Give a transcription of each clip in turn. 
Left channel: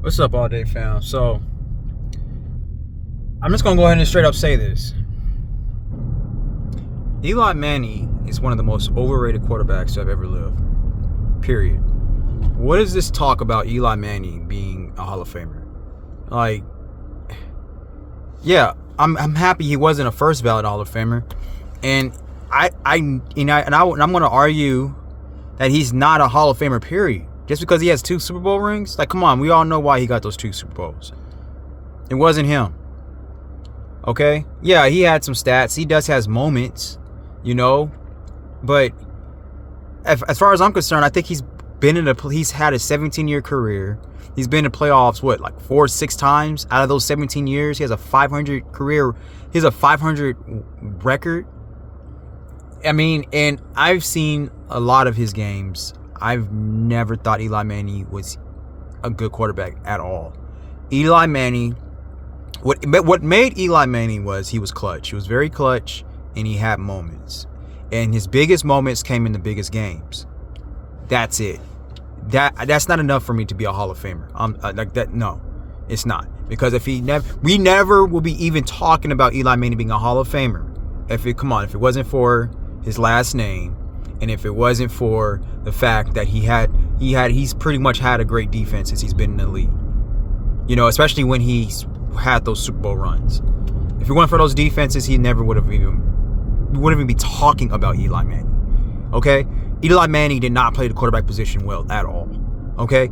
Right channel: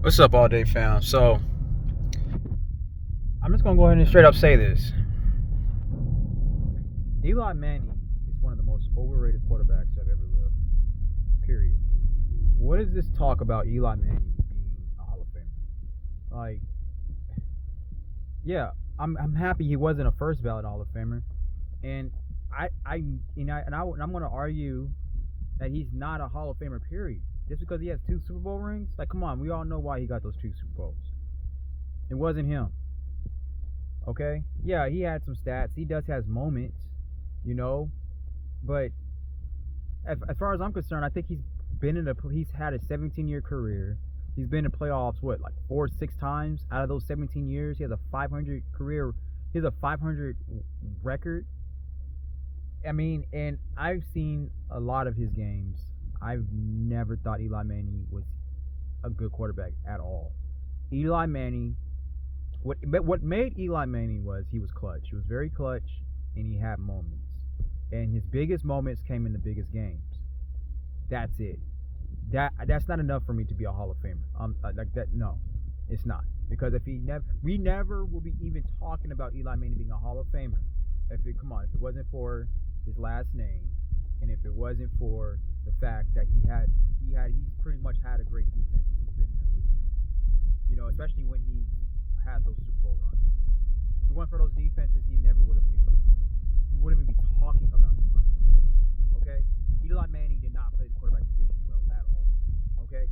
What's up, all day fam? So, I'm just gonna go ahead and straight up say this. Eli Manning is one of the most overrated quarterbacks I've ever lived. Period. What is this talk about Eli Manning being a Hall of Famer? Like, yeah, I'm happy he wasn't a first ballot Hall of Famer, and I'm gonna argue that he's not a Hall of Famer. Period. Just because he has 2 Super Bowl rings, like, come on, we all know why he got those 2 Super Bowls. It wasn't him. Okay? Yeah, he had some stats. He does has moments, but as far as I'm concerned, I think he's had a 17-year career. He's been in playoffs, like 4 or 6 times out of those 17 years. He has a 500 career. He has a 500 record. I mean, and I've seen a lot of his games. I've never thought Eli Manning was a good quarterback at all. Eli Manning, what made Eli Manning was he was clutch. He was very clutch, and he had moments. And his biggest moments came in the biggest games. That's it. That's not enough for me to be a Hall of Famer. Like that. No, it's not. Because we never will be even talking about Eli Manning being a Hall of Famer. If it wasn't for his last name, and if it wasn't for the fact that he's pretty much had a great defense since he's been in the league. Especially when he's had those Super Bowl runs. If it weren't for those defenses, we wouldn't even be talking about Eli Manning. Okay? Eli Manning did not play the quarterback position well at all. Okay?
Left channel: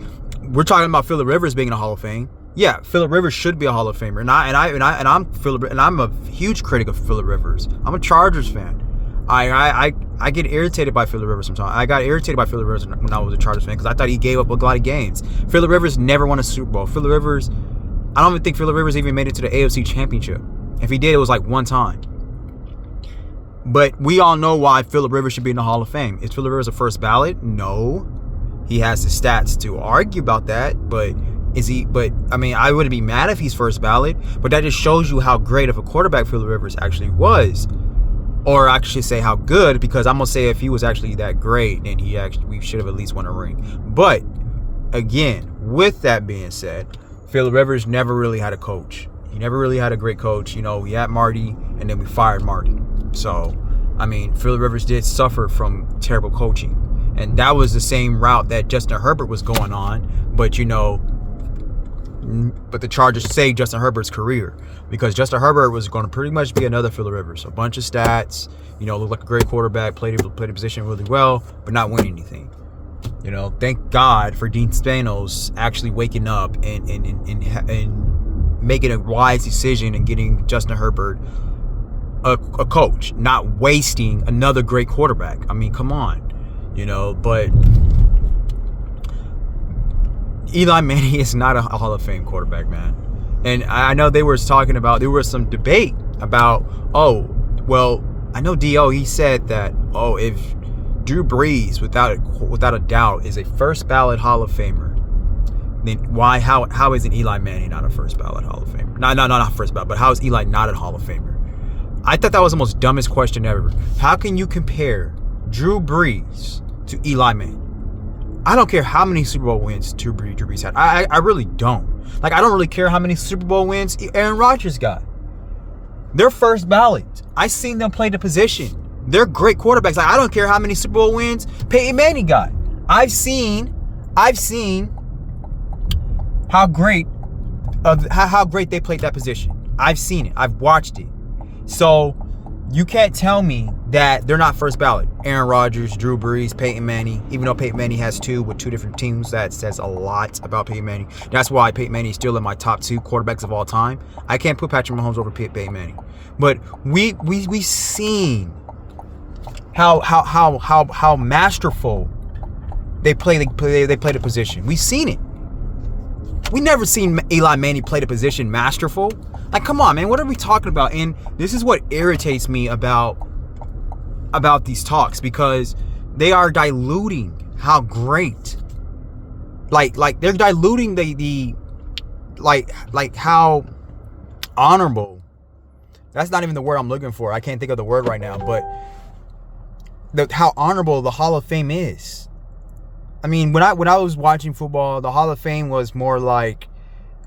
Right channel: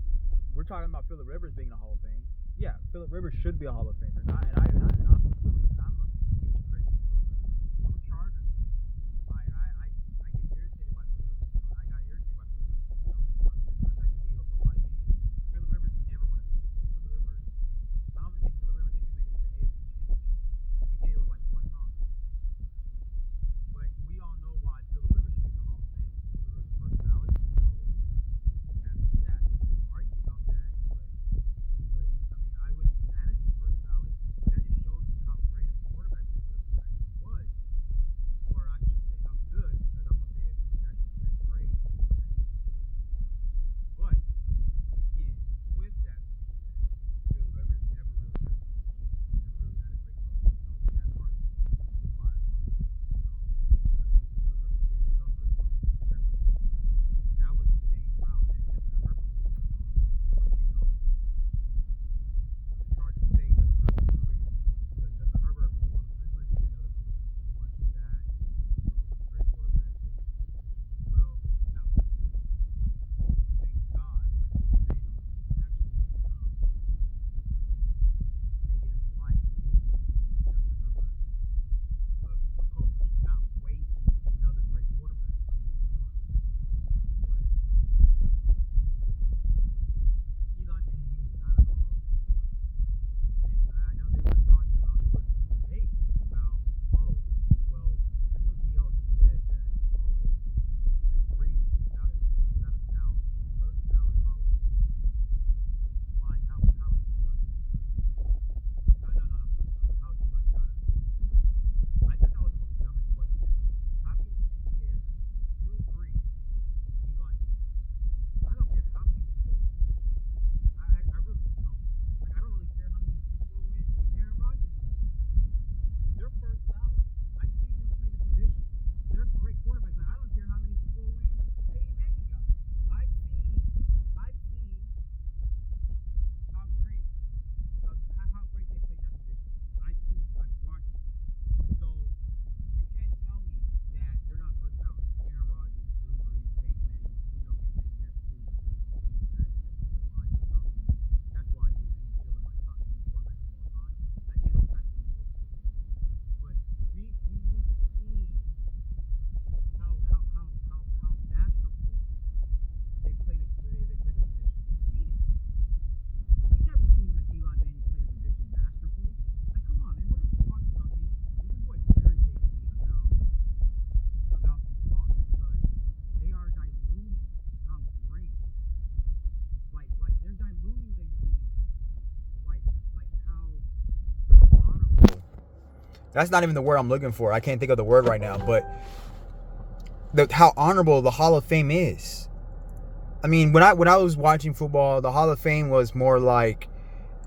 We're talking about Phillip Rivers being in the Hall of Fame. Yeah, Phillip Rivers should be a Hall of Famer. I'm a huge critic of Phillip Rivers. I'm a Chargers fan. I get irritated by Phillip Rivers sometimes. I got irritated by Phillip Rivers when I was a Chargers fan because I thought he gave up a lot of games. Phillip Rivers never won a Super Bowl. I don't even think Phillip Rivers even made it to the AFC Championship. If he did, it was like one time. But we all know why Phillip Rivers should be in the Hall of Fame. Is Phillip Rivers a first ballot? No. He has the stats to argue about that, but is he? But I mean, I wouldn't be mad if he's first ballot. But that just shows you how great of a quarterback Phillip Rivers actually was. Or I should say how good, because I'm going to say if he was actually that great, then we should have at least won a ring. But, again, with that being said, Phillip Rivers never really had a coach. He never really had a great coach. We had Marty, and then we fired Marty. So, I mean, Phillip Rivers did suffer from terrible coaching. And that was the same route that Justin Herbert was going on. But the Chargers saved Justin Herbert's career. Because Justin Herbert was going to pretty much be another Phillip Rivers. A bunch of stats, looked like a great quarterback, played the position really well, but not winning anything. Thank God for Dean Spanos actually waking up and making a wise decision and getting Justin Herbert a coach, not wasting another great quarterback. I mean, come on, but Eli Manning is not a Hall of Fame quarterback, man. And I know there was some debate about, I know D.O., he said that, if Drew Brees, without a doubt, is a first ballot Hall of Famer, then how isn't Eli Manning not a first ballot Hall of Famer? No, not first ballot, but how is Eli not a Hall of Famer? I thought that was the most dumbest question ever. How can you compare Drew Brees to Eli Manning? I don't care how many Super Bowl wins Drew Brees had. I really don't. Like, I don't really care how many Super Bowl wins Aaron Rodgers got. They're first ballot. I've seen them play the position. They're great quarterbacks. Like, I don't care how many Super Bowl wins Peyton Manning got. I've seen how great they played that position. I've seen it. I've watched it. So you can't tell me that they're not first ballot. Aaron Rodgers, Drew Brees, Peyton Manning. Even though Peyton Manning has 2 with 2 different teams, that says a lot about Peyton Manning. That's why Peyton Manning is still in my top 2 quarterbacks of all time. I can't put Patrick Mahomes over Peyton Manning. But we've seen how masterful they play the position. We've seen it. We never seen Eli Manning play the position masterful. Like, come on, man, what are we talking about? And this is what irritates me about these talks, because they are diluting how great, like they're diluting the how honorable. That's not even the word I'm looking for. I can't think of the word right now, but how honorable the Hall of Fame is. I mean, when I was watching football, the Hall of Fame was more like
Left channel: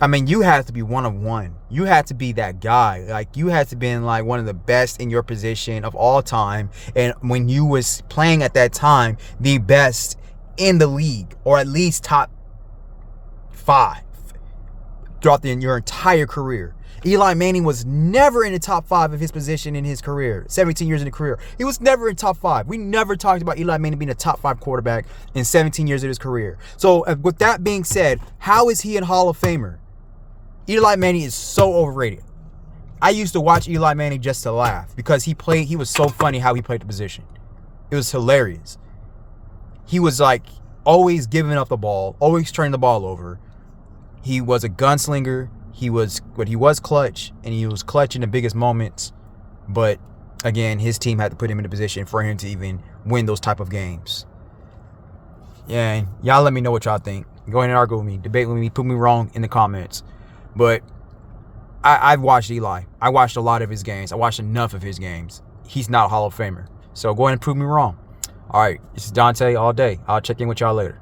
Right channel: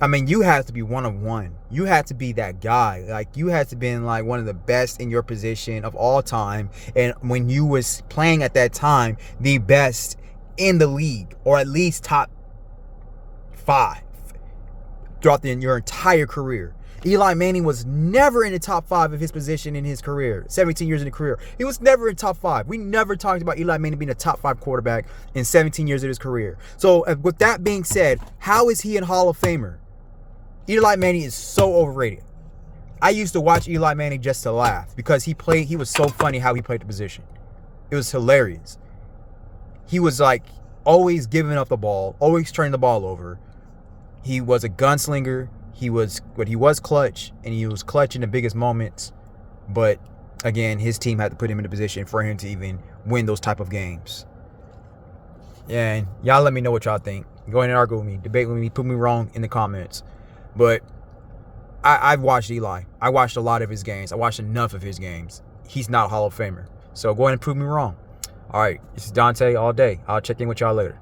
I mean, you have to be one of one. You had to be that guy. Like, you had to be like one of the best in your position of all time. And when you was playing at that time, the best in the league, or at least top 5 throughout your entire career. Eli Manning was never in the top 5 of his position in his career. 17 years in the career. He was never in top 5. We never talked about Eli Manning being a top 5 quarterback in 17 years of his career. So with that being said, how is he a Hall of Famer? Eli Manning is so overrated. I used to watch Eli Manning just to laugh because he was so funny how he played the position. It was hilarious. He was like always giving up the ball, always turning the ball over. He was a gunslinger. He was clutch, and he was clutch in the biggest moments. But again, his team had to put him in a position for him to even win those type of games. Yeah, and y'all let me know what y'all think. Go ahead and argue with me, debate with me, prove me wrong in the comments. But I've watched Eli. I watched a lot of his games. I watched enough of his games. He's not a Hall of Famer. So go ahead and prove me wrong. All right, this is Dante all day. I'll check in with y'all later.